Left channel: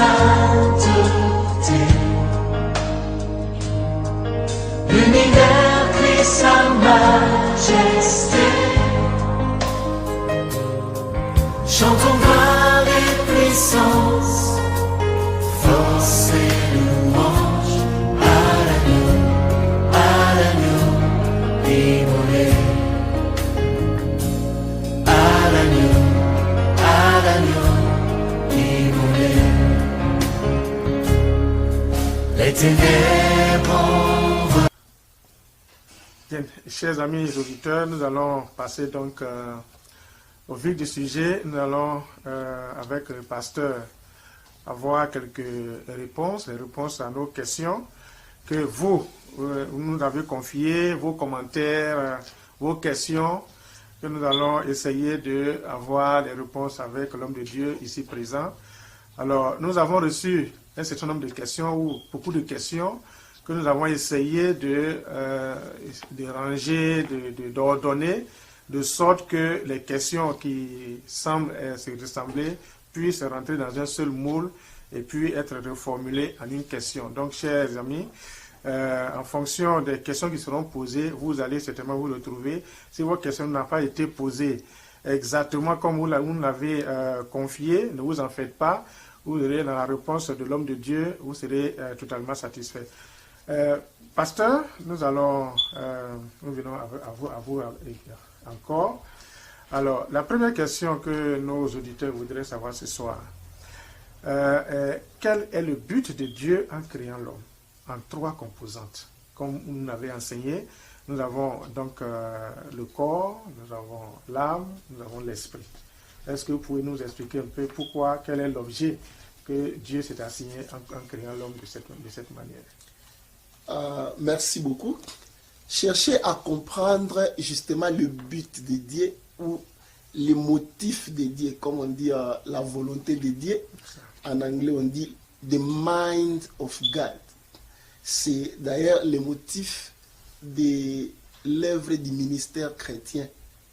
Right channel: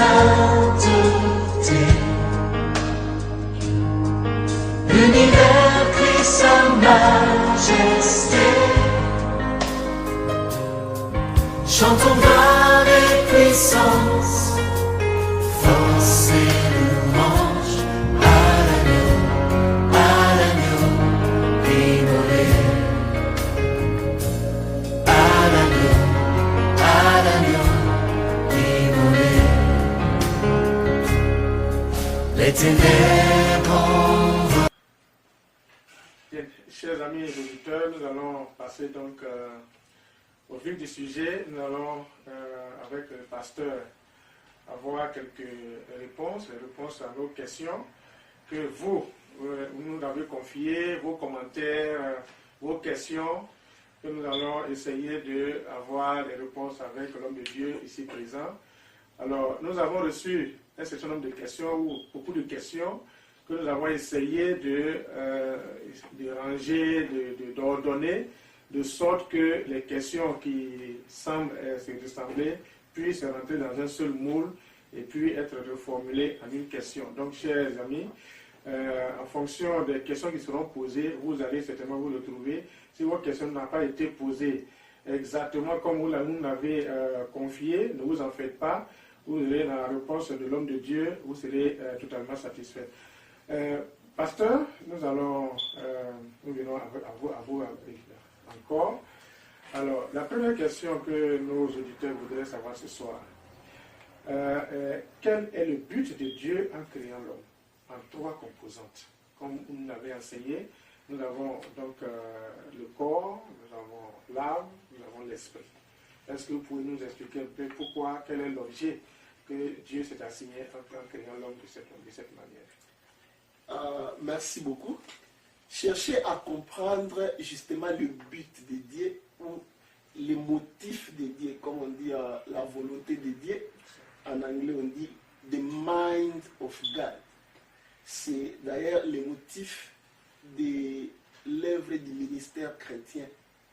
sainteté. L'univers crie sa majesté. Chantons gloire et puissance, force et louange à l'agneau immolé. À l'agneau immolé. Les ténèbres. Bien, chers amis et auditeurs, nous allons passer donc au vif du sujet. Nous allons, avec le pasteur, avoir quelques réponses, les réponses à nos questions que vous nous avez confiées, vos commentaires, vos questions, que nous allons essayer d'avoir des réponses avec l'homme de Dieu ici présent. Alors, nous avons reçu un certain nombre de questions, ou beaucoup de questions, que nous avons essayé de ranger, d'ordonner, de sorte que les questions qui semblent se ressembler puissent rentrer dans un seul moule et puis être reformulées en une question. Donc, chers amis, en fonction des questions qui seront posées, vous allez certainement vous retrouver. Si votre question n'a pas été posée exactement comme vous l'avez confiée, ne vous en faites pas. Vous aurez dans la réponse de l'homme de Dieu, vous serez totalement satisfait. Pasteur, nous venons à vous encore. Alors, la première question que nos auditeurs voudraient savoir ce soir, quel est le but de Dieu en créant l'homme en 3 composantes? Comme vous nous l'avez enseigné, nous avons donc le corps, nous avons l'âme, nous avons l'esprit. Est-ce que vous pouvez nous expliquer un peu pourquoi, quel est l'objet que Dieu s'est assigné en créant l'homme de cette manière? Merci beaucoup. Cherchez à comprendre justement le but de Dieu ou les motifs de Dieu, comme on dit la volonté de Dieu. En anglais, on dit the mind of God. C'est d'ailleurs le motif de l'œuvre du ministère chrétien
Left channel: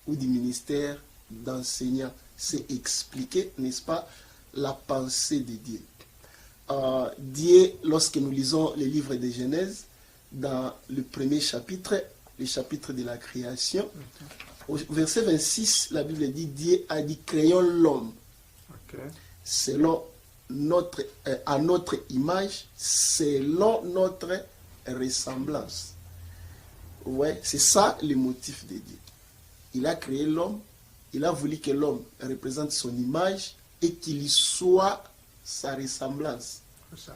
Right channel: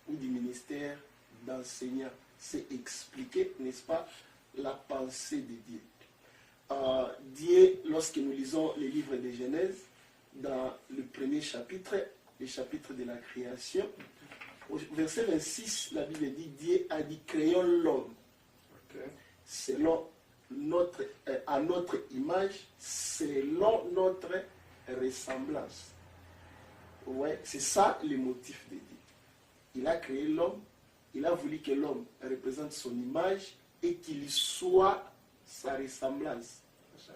ou du ministère d'enseignant. C'est expliquer, n'est-ce pas, la pensée de Dieu. Dieu, lorsque nous lisons le livre de Genèse, dans le premier chapitre, le chapitre de la création, au verset 26, la Bible dit, Dieu a dit, créons l'homme, selon à notre image, selon notre ressemblance. Ouais, c'est ça le motif de Dieu. Il a créé l'homme, il a voulu que l'homme représente son image et qu'il soit sa ressemblance. C'est ça.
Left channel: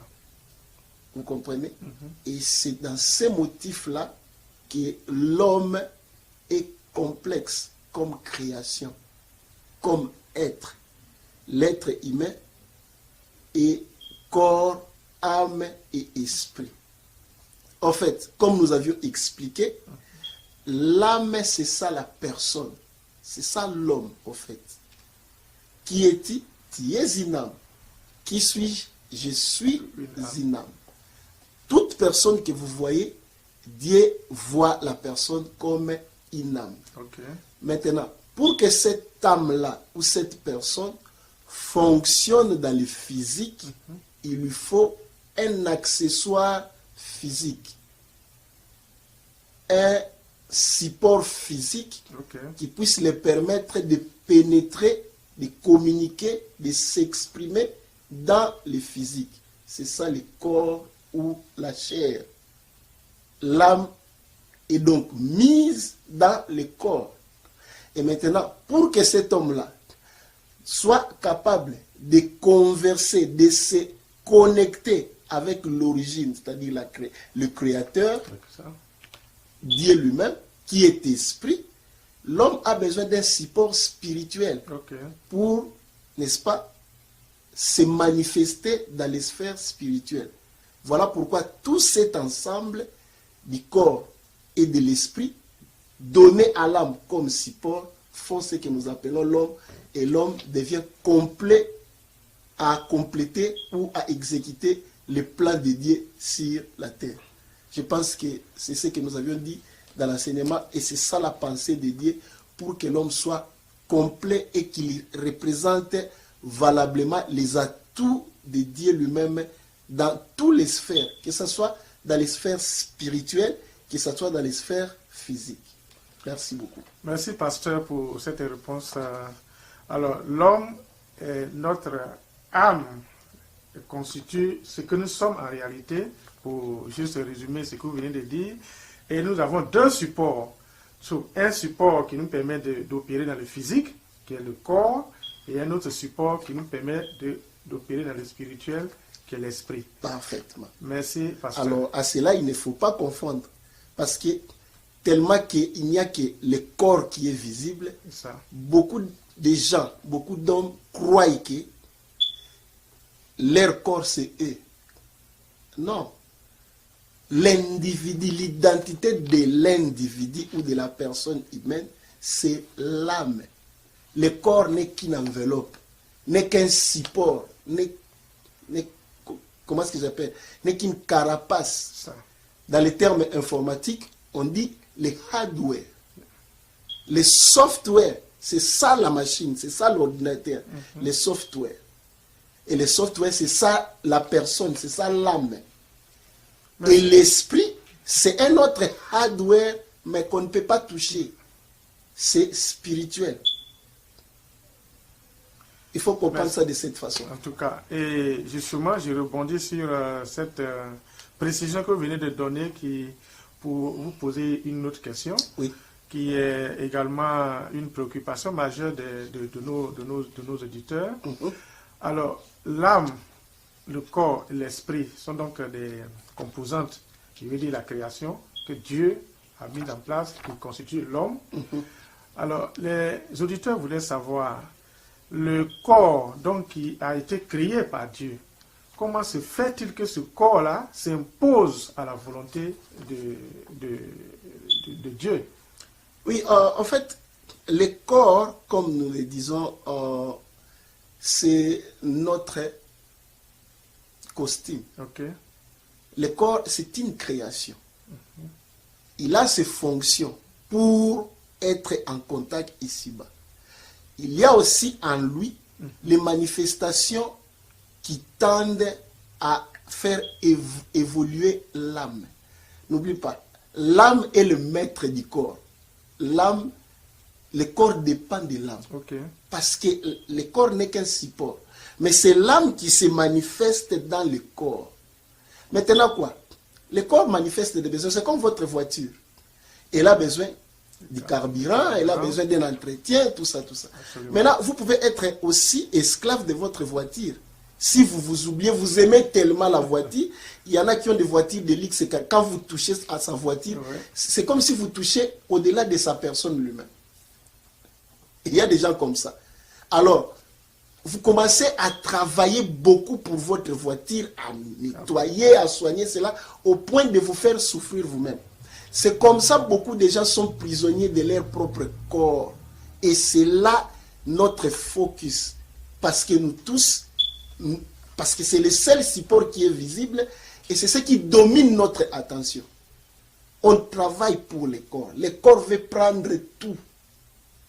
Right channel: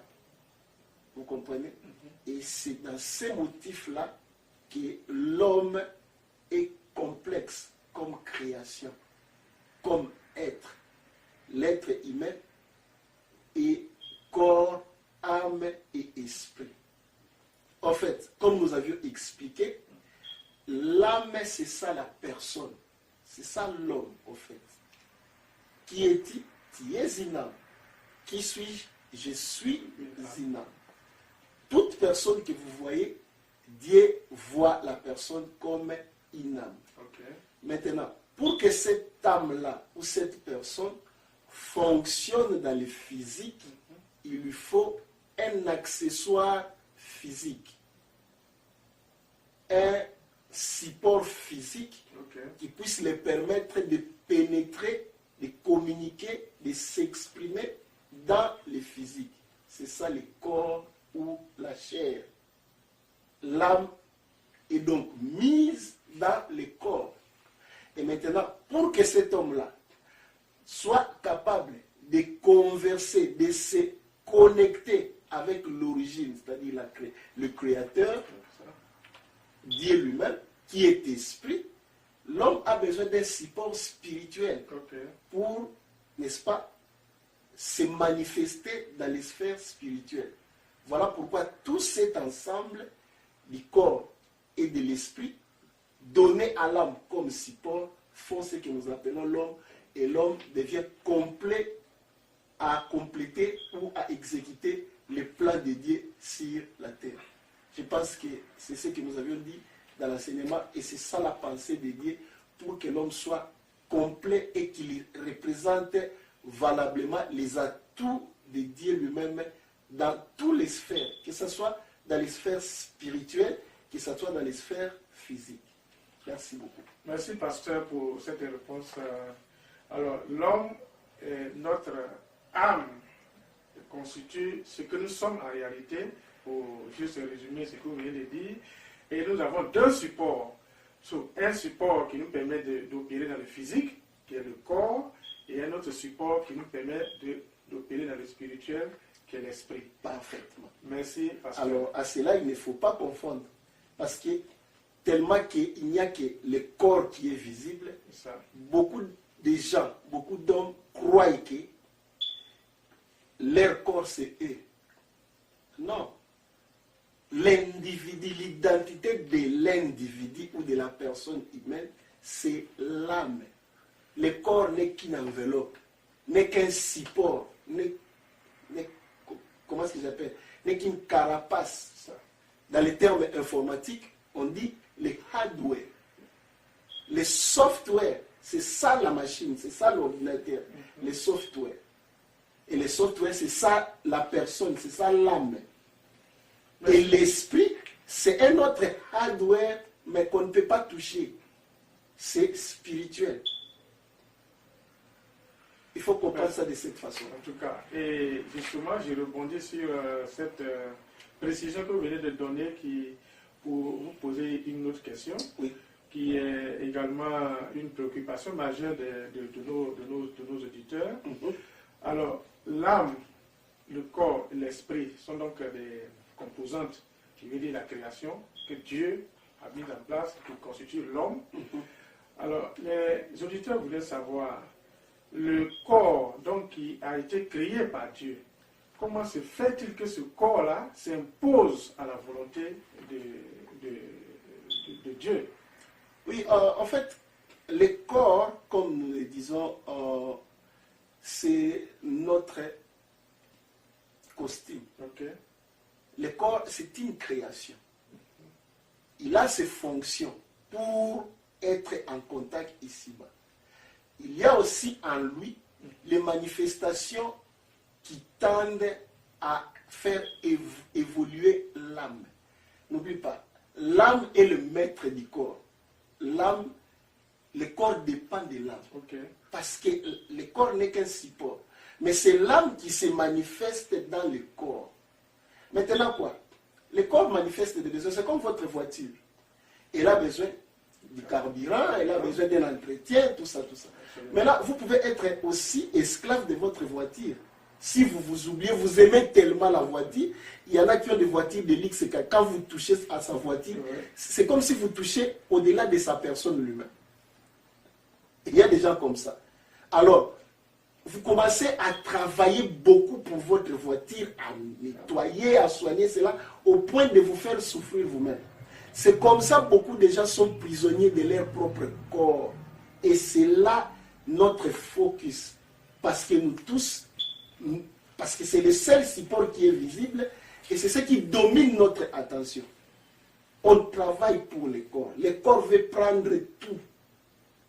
Vous comprenez? Et c'est dans ces motifs-là que l'homme est complexe comme création, comme être. L'être humain est corps, âme et esprit. En fait, comme nous avions expliqué, l'âme, c'est ça la personne. C'est ça l'homme, en fait. Qui es-tu? Tu es une âme. Qui suis-je? Je suis une âme. Toute personne que vous voyez, Dieu voit la personne comme une âme. Maintenant, pour que cette âme-là ou cette personne fonctionne dans le physique, il lui faut un accessoire physique, un support physique qui puisse lui permettre de pénétrer, de communiquer, de s'exprimer dans le physique. C'est ça le corps ou la chair. L'âme est donc mise dans le corps. Et maintenant, pour que cet homme-là soit capable de converser, de se connecter avec l'origine, c'est-à-dire le Créateur, Dieu lui-même, qui est esprit, l'homme a besoin d'un support spirituel pour, n'est-ce pas, se manifester dans les sphères spirituelles. Voilà pourquoi tout cet ensemble du corps et de l'esprit, donné à l'âme comme support, font ce que nous appelons l'homme, et l'homme devient complet à compléter ou à exécuter le plan de Dieu sur la terre. Je pense que c'est ce que nous avions dit dans l'enseignement, et c'est ça la pensée de Dieu pour que l'homme soit complet et qu'il représente valablement les atouts de Dieu lui-même dans toutes les sphères, que ce soit dans les sphères spirituelles, que ce soit dans les sphères physiques. Merci beaucoup. Merci, pasteur, pour cette réponse. Alors, l'homme est notre âme, constitue ce que nous sommes en réalité, pour juste résumer ce que vous venez de dire. Et nous avons deux supports. Un support qui nous permet d'opérer dans le physique, qui est le corps, et un autre support qui nous permet d'opérer dans le spirituel, qui est l'esprit. Parfaitement. Merci, pasteur. Alors, à cela, il ne faut pas confondre. Parce que tellement qu'il n'y a que le corps qui est visible, Ça. beaucoup de gens, beaucoup d'hommes croient que leur corps c'est eux. Non. L'individu, l'identité de l'individu ou de la personne humaine, c'est l'âme. Le corps n'est qu'une enveloppe, n'est qu'un support, comment est-ce qu'ils appellent, n'est qu'une carapace. Ça. Dans les termes informatiques, on dit les hardware. Les software, c'est ça la machine, c'est ça l'ordinateur. Les software. Et les software, c'est ça la personne, c'est ça l'âme. Et l'esprit, c'est un autre hardware, mais qu'on ne peut pas toucher. C'est spirituel. Il faut comprendre ça de cette façon. En tout cas, et justement, je rebondis sur cette précision que vous venez de donner pour vous poser une autre question, Oui. qui est également une préoccupation majeure de nos auditeurs. Alors, l'âme, le corps et l'esprit sont donc des composantes, je veux dire la création, que Dieu a mis en place, qui constitue l'homme. Alors, les auditeurs voulaient savoir, le corps donc qui a été créé par Dieu, comment se fait-il que ce corps-là s'impose à la volonté de Dieu? Oui, en fait, le corps, comme nous le disons, c'est notre costume. Okay. Le corps, c'est une création. Il a ses fonctions pour être en contact ici-bas. Il y a aussi en lui les manifestations qui tendent à faire évoluer l'âme. N'oublie pas, l'âme est le maître du corps. L'âme, le corps dépend de l'âme. Okay. Parce que le corps n'est qu'un support. Mais c'est l'âme qui se manifeste dans le corps. Maintenant quoi? Le corps manifeste des besoins. C'est comme votre voiture. Elle a besoin du carburant, elle a besoin d'un entretien, tout ça, tout ça. Absolument. Maintenant, vous pouvez être aussi esclave de votre voiture. Si vous vous oubliez, vous aimez tellement la voiture, il y en a qui ont des voitures de luxe, quand vous touchez à sa voiture, c'est comme si vous touchez au-delà de sa personne lui-même. Il y a des gens comme ça. Alors, vous commencez à travailler beaucoup pour votre voiture, à nettoyer, à soigner cela, au point de vous faire souffrir vous-même. C'est comme ça que beaucoup de gens sont prisonniers de leur propre corps. Et c'est là notre focus. Parce que nous tous, parce que c'est le seul support qui est visible et c'est ce qui domine notre attention. On travaille pour le corps. Le corps veut prendre tout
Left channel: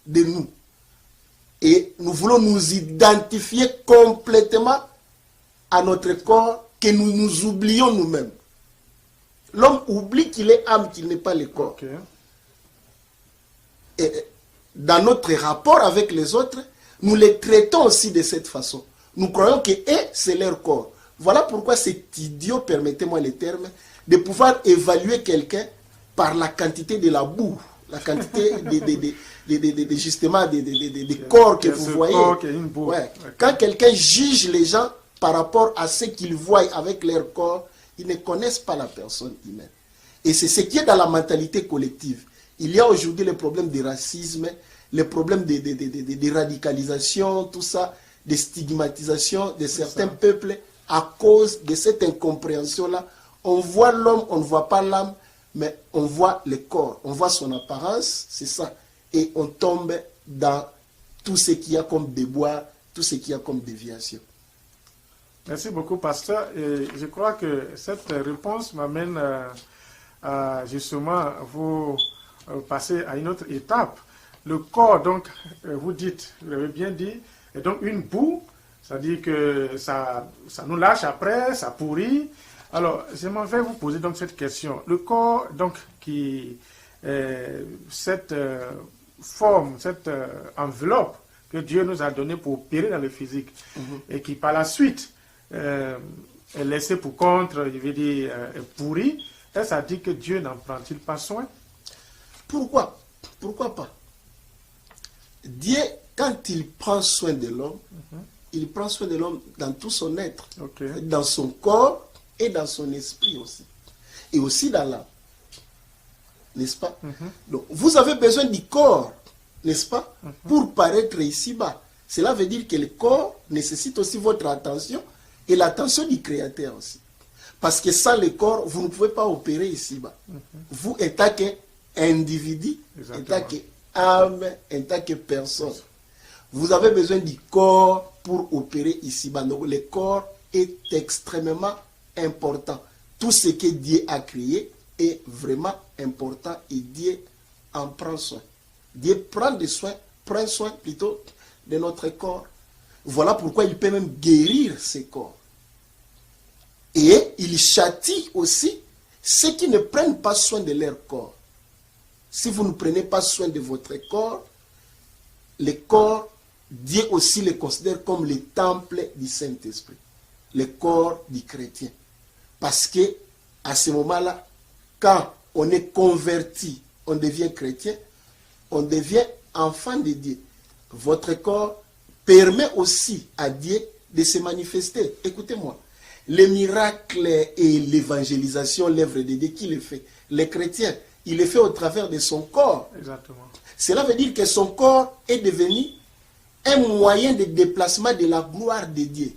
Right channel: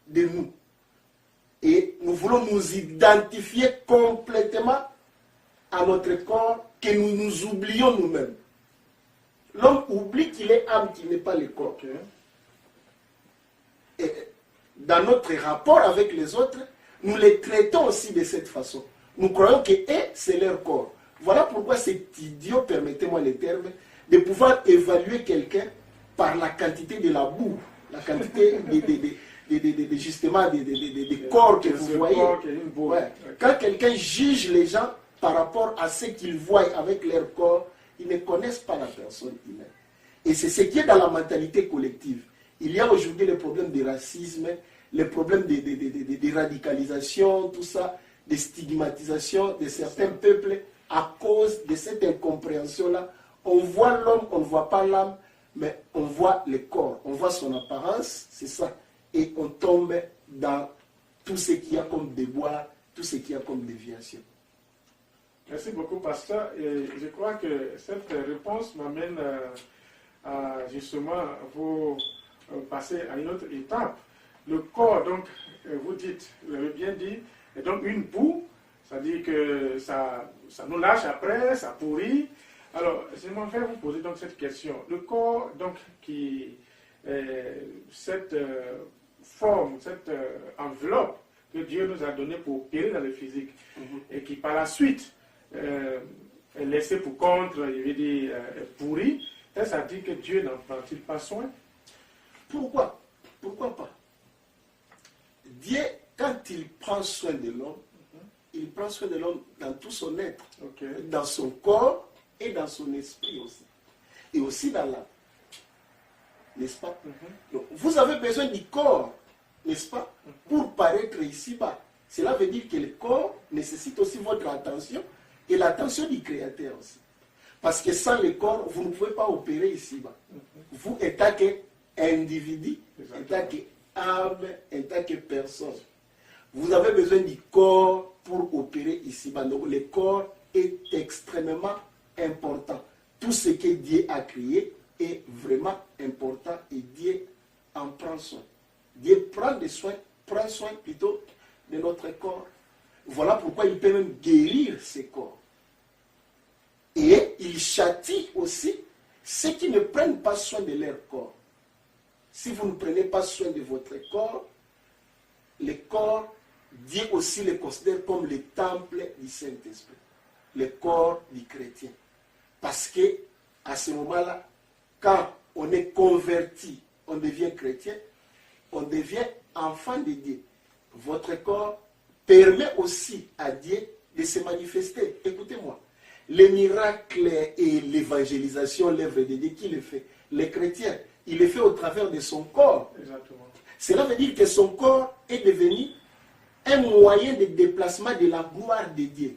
de nous. Et nous voulons nous identifier complètement à notre corps, que nous nous oublions nous-mêmes. L'homme oublie qu'il est âme, qu'il n'est pas le corps. Okay. Et dans notre rapport avec les autres, nous les traitons aussi de cette façon. Nous croyons que c'est leur corps. Voilà pourquoi c'est idiot, permettez-moi le terme, de pouvoir évaluer quelqu'un par la quantité de la boue, la quantité justement des corps que vous voyez. Ouais. Quand quelqu'un juge les gens par rapport à ce qu'ils voient avec leur corps, ils ne connaissent pas la personne humaine. Et c'est ce qui est dans la mentalité collective. Il y a aujourd'hui le problème du racisme, le problème de radicalisation, tout ça, de stigmatisation de certains peuples à cause de cette incompréhension-là. On voit l'homme, on ne voit pas l'âme, mais on voit le corps, on voit son apparence, c'est ça. Et on tombe dans tout ce qu'il y a comme déboire, tout ce qu'il y a comme déviation. Merci beaucoup, pasteur. Et je crois que cette réponse m'amène à justement vous passer à une autre étape. Le corps, donc, vous dites, vous l'avez bien dit, est donc une boue C'est-à-dire que ça nous lâche après, ça pourrit. Alors, je m'en vais vous poser donc cette question. Le corps, donc, cette forme, cette enveloppe que Dieu nous a donnée pour opérer dans le physique, et qui par la suite est laissée pour compte, je veux dire, est pourrie, ça dit que Dieu n'en prend-il pas soin? Pourquoi? Pourquoi pas? Dieu, quand il prend soin de l'homme, il prend soin de l'homme dans tout son être, dans son corps et dans son esprit aussi. Et aussi dans l'âme. N'est-ce pas? Donc, vous avez besoin du corps, n'est-ce pas? Pour paraître ici-bas. Cela veut dire que le corps nécessite aussi votre attention et l'attention du Créateur aussi. Parce que sans le corps, vous ne pouvez pas opérer ici-bas. Vous, en tant qu'individu, en tant qu'âme, en tant que personne, vous avez besoin du corps pour opérer ici-bas. Donc, le corps est extrêmement important. Tout ce que Dieu a créé est vraiment important et Dieu en prend soin. Dieu prend soin plutôt de notre corps. Voilà pourquoi il peut même guérir ces corps. Et il châtie aussi ceux qui ne prennent pas soin de leur corps. Si vous ne prenez pas soin de votre corps, le corps, Dieu aussi le considère comme le temple du Saint-Esprit, le corps du chrétien. Parce que à ce moment-là, quand on est converti, on devient chrétien, on devient enfant de Dieu. Votre corps permet aussi à Dieu de se manifester. Écoutez-moi, les miracles et l'évangélisation, l'œuvre de Dieu, qui le fait? Le chrétien, il le fait au travers de son corps. Exactement. Cela veut dire que son corps est devenu un moyen de déplacement de la gloire de Dieu.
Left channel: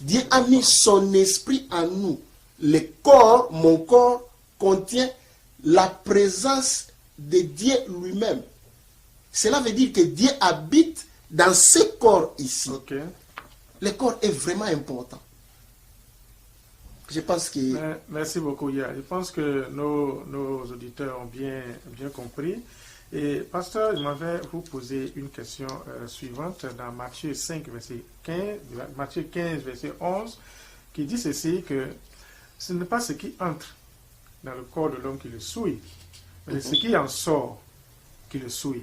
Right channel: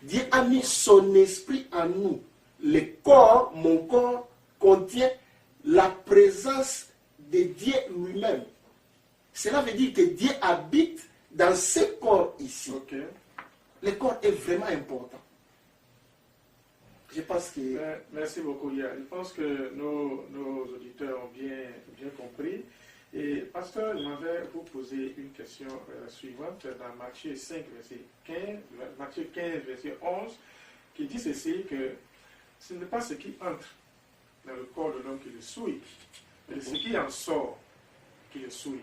Dieu a mis son esprit en nous. Le corps, mon corps, contient la présence de Dieu lui-même. Cela veut dire que Dieu habite dans ce corps ici. Le corps est vraiment important. Je pense que... Merci beaucoup, Yann. Je pense que nos auditeurs ont bien compris. Et pasteur, je m'en vais vous poser une question suivante dans Matthieu 5, verset 15, Matthieu 15, verset 11, qui dit ceci, que ce n'est pas ce qui entre dans le corps de l'homme qui le souille, mais ce qui en sort qui le souille.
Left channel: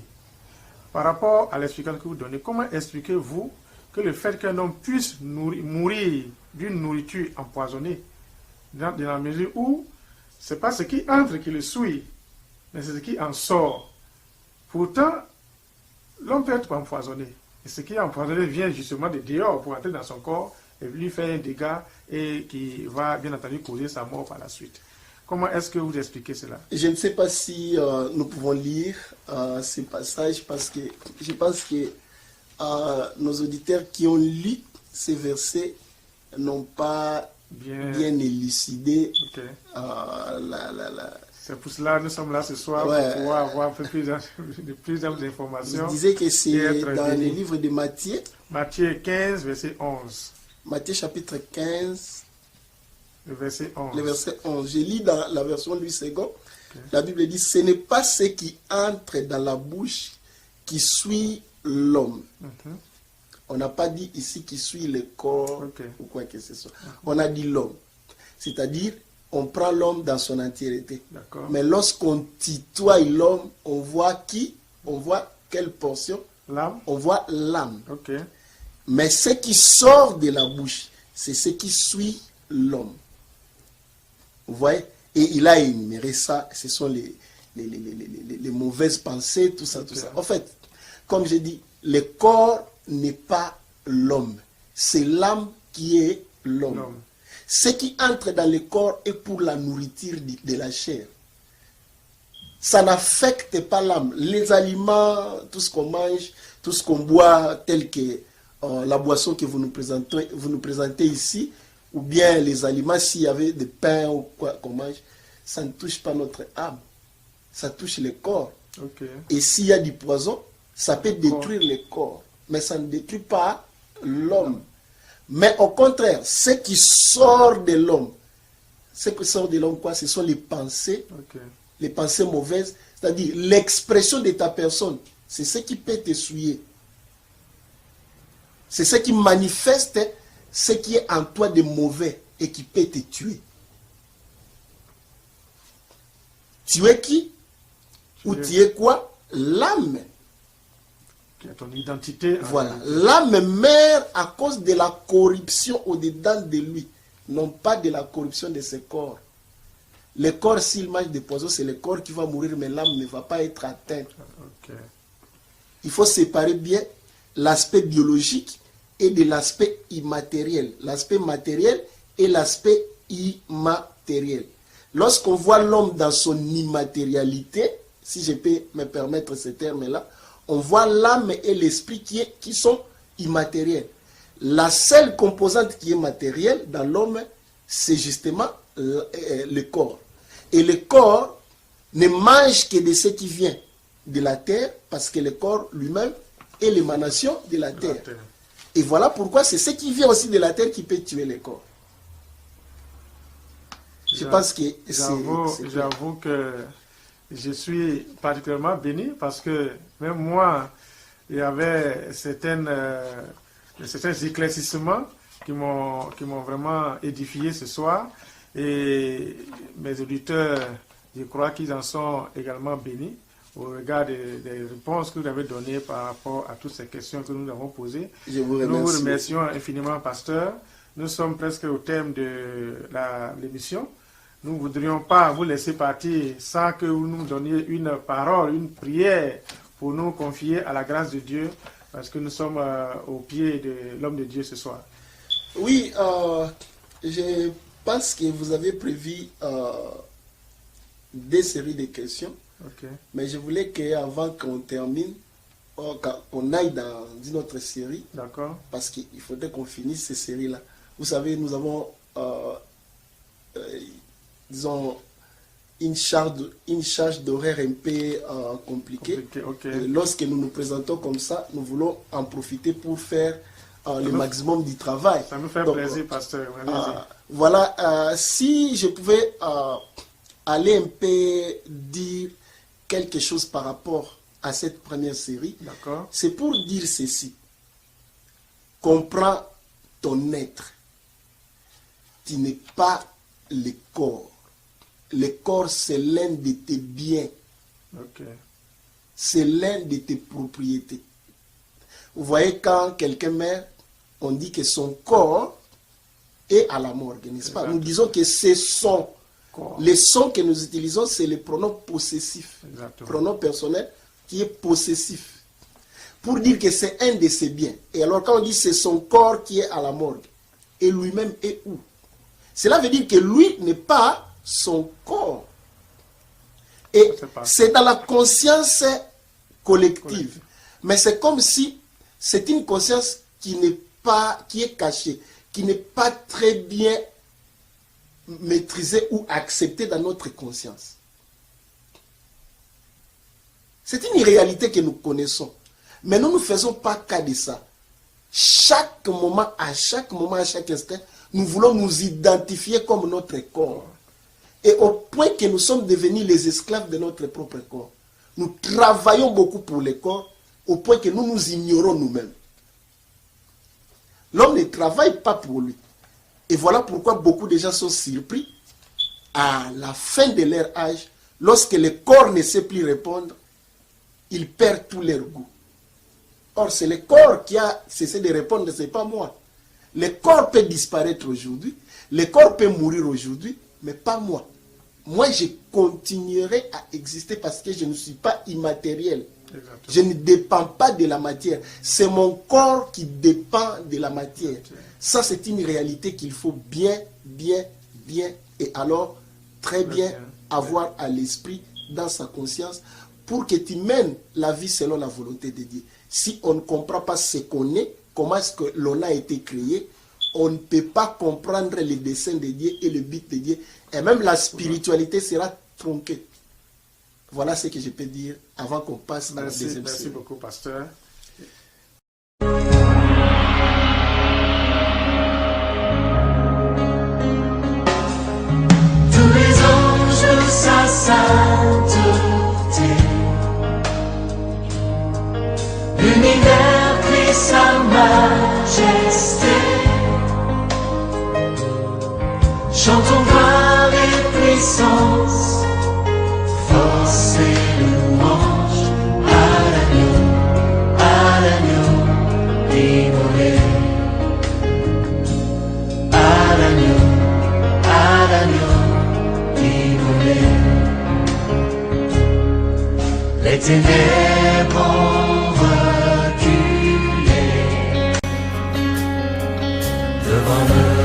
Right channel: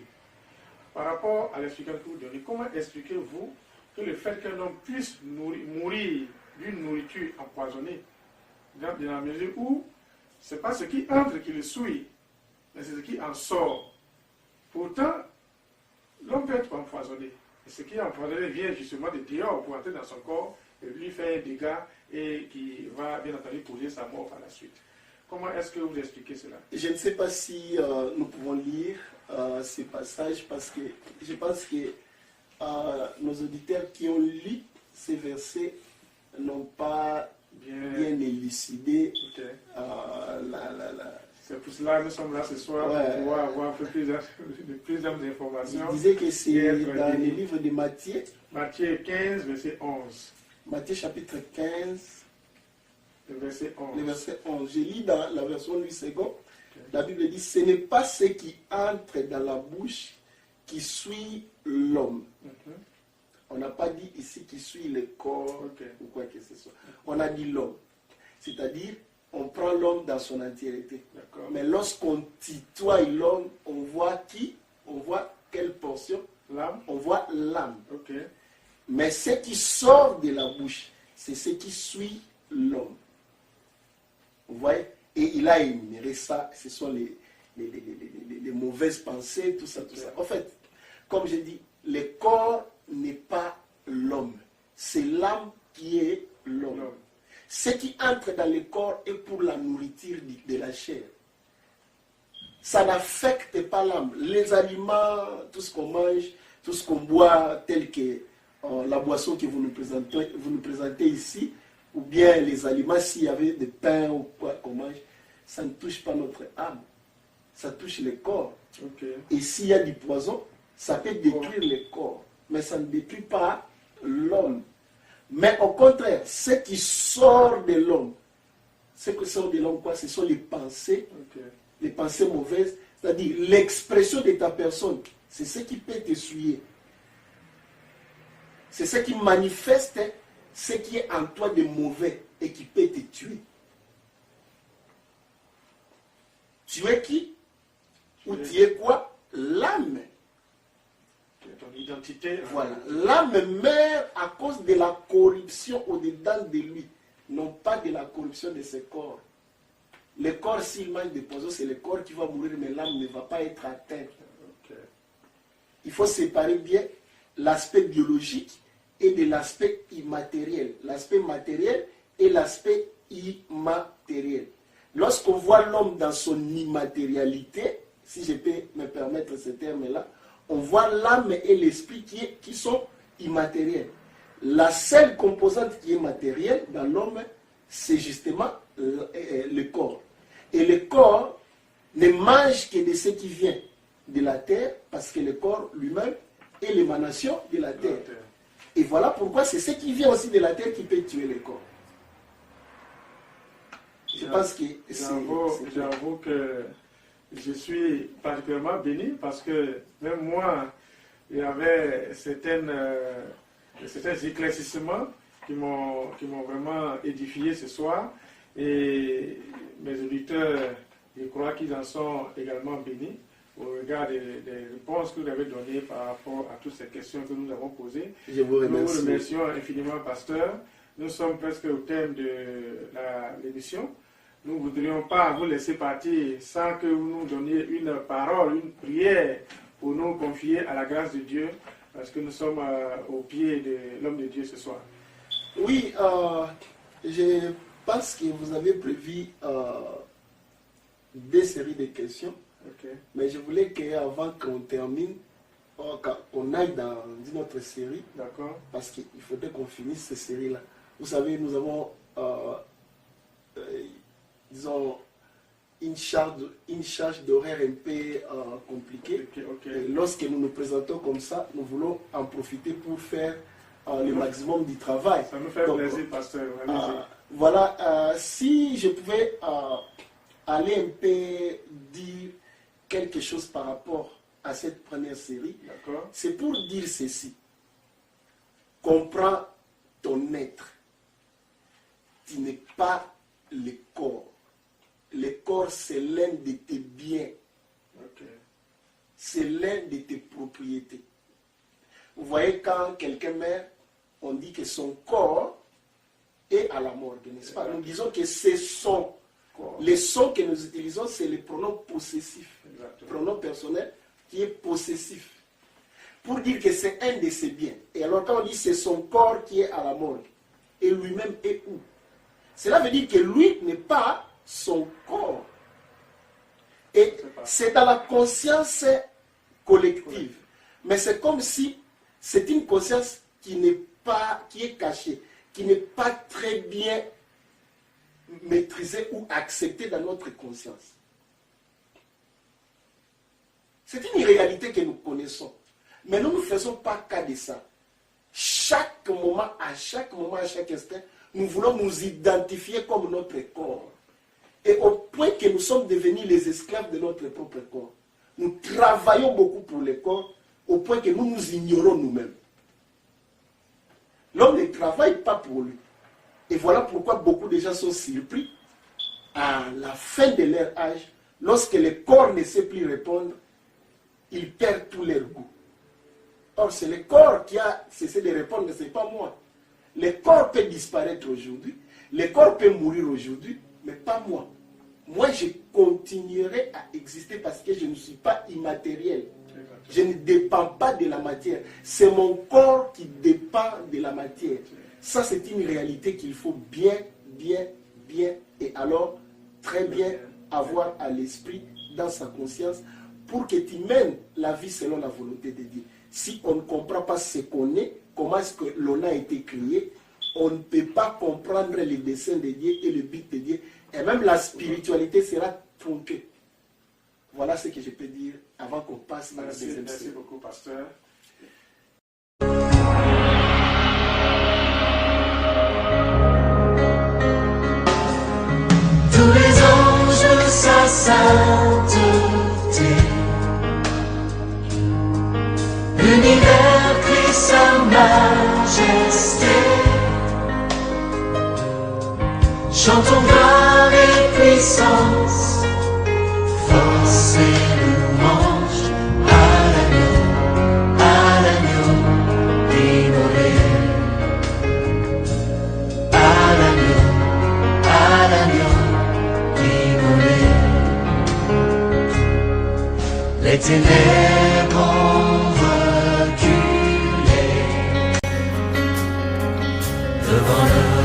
Par rapport à l'explication que vous donnez, comment expliquez-vous que le fait qu'un homme puisse mourir d'une nourriture empoisonnée, dans la mesure où ce n'est pas ce qui entre qui le souille, mais c'est ce qui en sort. Pourtant, l'homme peut être empoisonné. Et ce qui est empoisonné vient justement de dehors pour entrer dans son corps et lui faire un dégât et qui va bien entendu causer sa mort par la suite. Comment est-ce que vous expliquez cela? Je ne sais pas si nous pouvons lire ces passages parce que je pense que nos auditeurs qui ont lu ces versets n'ont pas bien élucidé C'est pour cela que nous sommes là ce soir pour pouvoir avoir un peu plus d'informations. Je disais que c'est dans le livre de Matthieu. Matthieu 15, verset 11. Matthieu chapitre 15, le verset 11. Le verset 11. Je lis dans la version Louis II. La Bible dit, ce n'est pas ce qui entre dans la bouche qui suit l'homme. On n'a pas dit ici qui suit le corps ou quoi que ce soit. On a dit l'homme. C'est-à-dire, on prend l'homme dans son entièreté. Mais lorsqu'on tutoie l'homme, on voit qui? On voit quelle portion? L'âme. On voit l'âme. Mais ce qui sort de la bouche, c'est ce qui suit l'homme. Vous voyez? Et il a énuméré ça. Ce sont les mauvaises pensées, tout ça, tout ça. En fait, comme j'ai dit, le corps n'est pas l'homme. C'est l'âme qui est l'homme. Ce qui entre dans le corps est pour la nourriture de la chair. Ça n'affecte pas l'âme. Les aliments, tout ce qu'on mange, tout ce qu'on boit, tel que la boisson que vous nous présentez ici, ou bien les aliments, s'il y avait des pains ou quoi qu'on mange, ça ne touche pas notre âme. Ça touche le corps. Et s'il y a du poison, ça peut détruire le corps. Mais ça ne détruit pas l'homme. Mais au contraire, ce qui sort de l'homme, ce qui sort de l'homme, quoi, ce sont les pensées mauvaises, c'est-à-dire l'expression de ta personne. C'est ce qui peut te souiller. C'est ce qui manifeste ce qui est en toi de mauvais et qui peut te tuer. Tu es qui? Ou tu es quoi? L'âme. Qui est ton identité. Voilà. L'âme meurt à cause de la corruption au-dedans de lui, non pas de la corruption de ses corps. Le corps, s'il mange des poisons, c'est le corps qui va mourir, mais l'âme ne va pas être atteinte. Okay. Il faut séparer bien l'aspect biologique et de l'aspect immatériel. L'aspect matériel et l'aspect immatériel. Lorsqu'on voit l'homme dans son immatérialité, si je peux me permettre ce terme-là, on voit l'âme et l'esprit qui sont immatériels. La seule composante qui est matérielle dans l'homme, c'est justement le corps. Et le corps ne mange que de ce qui vient de la terre, parce que le corps lui-même est l'émanation de la terre. Et voilà pourquoi c'est ce qui vient aussi de la terre qui peut tuer le corps. Je pense que j'avoue que je suis particulièrement béni parce que même moi, il y avait certains éclaircissements qui m'ont vraiment édifié ce soir. Et mes auditeurs, je crois qu'ils en sont également bénis au regard des réponses que vous avez données par rapport à toutes ces questions que nous avons posées. Nous vous remercions infiniment, pasteur. Nous sommes presque au thème de l'émission. Nous ne voudrions pas vous laisser partir sans que vous nous donniez une parole, une prière pour nous confier à la grâce de Dieu, parce que nous sommes au pied de l'homme de Dieu ce soir. Oui, je pense que vous avez prévu des séries de questions, mais je voulais qu'avant qu'on termine, qu'on aille dans une autre série, parce qu'il faudrait qu'on finisse ces séries-là. Vous savez, nous avons... disons, une charge d'horaire un peu compliquée. Et lorsque nous nous présentons comme ça, nous voulons en profiter pour faire le maximum du travail. Ça nous fait plaisir, pasteur. Voilà, si je pouvais aller un peu dire quelque chose par rapport à cette première série, c'est pour dire ceci. Comprends ton être. Tu n'es pas le corps. Le corps, c'est l'un de tes biens. C'est l'un de tes propriétés. Vous voyez, quand quelqu'un meurt, on dit que son corps est à la morgue, n'est-ce pas? Nous disons que c'est son corps. Les sons que nous utilisons, c'est le pronom possessif. Pronom personnel qui est possessif. Pour dire que c'est un de ses biens. Et alors, quand on dit c'est son corps qui est à la morgue, et lui-même est où? Cela veut dire que lui n'est pas son corps. Et c'est dans la conscience collective. Mais c'est comme si c'est une conscience qui est cachée, qui n'est pas très bien maîtrisée ou acceptée dans notre conscience. C'est une réalité que nous connaissons. Mais nous ne faisons pas cas de ça. Chaque moment, à chaque instant, nous voulons nous identifier comme notre corps. Et au point que nous sommes devenus les esclaves de notre propre corps. Nous travaillons beaucoup pour le corps, au point que nous nous ignorons nous-mêmes. L'homme ne travaille pas pour lui. Et voilà pourquoi beaucoup de gens sont surpris à la fin de leur âge, lorsque le corps ne sait plus répondre, ils perdent tout leur goût. Or, c'est le corps qui a cessé de répondre, ce n'est pas moi. Le corps peut disparaître aujourd'hui, le corps peut mourir aujourd'hui, mais pas moi. Moi, je continuerai à exister parce que je ne suis pas immatériel. Je ne dépends pas de la matière. C'est mon corps qui dépend de la matière. Ça, c'est une réalité qu'il faut bien, et alors très bien avoir à l'esprit, dans sa conscience, pour que tu mènes la vie selon la volonté de Dieu. Si on ne comprend pas ce qu'on est, comment est-ce que l'on a été créé, on ne peut pas comprendre les desseins de Dieu et le but de Dieu. Et même la spiritualité sera tronquée. Voilà ce que je peux dire avant qu'on passe à la deuxième série. Merci beaucoup, pasteur. Tous les anges, sa sainteté, l'univers crie sa majesté. majesté. Chantons gloire et puissance, force et louange à l'agneau immolé. À l'agneau immolé. Les ténèbres ont reculé devant nous.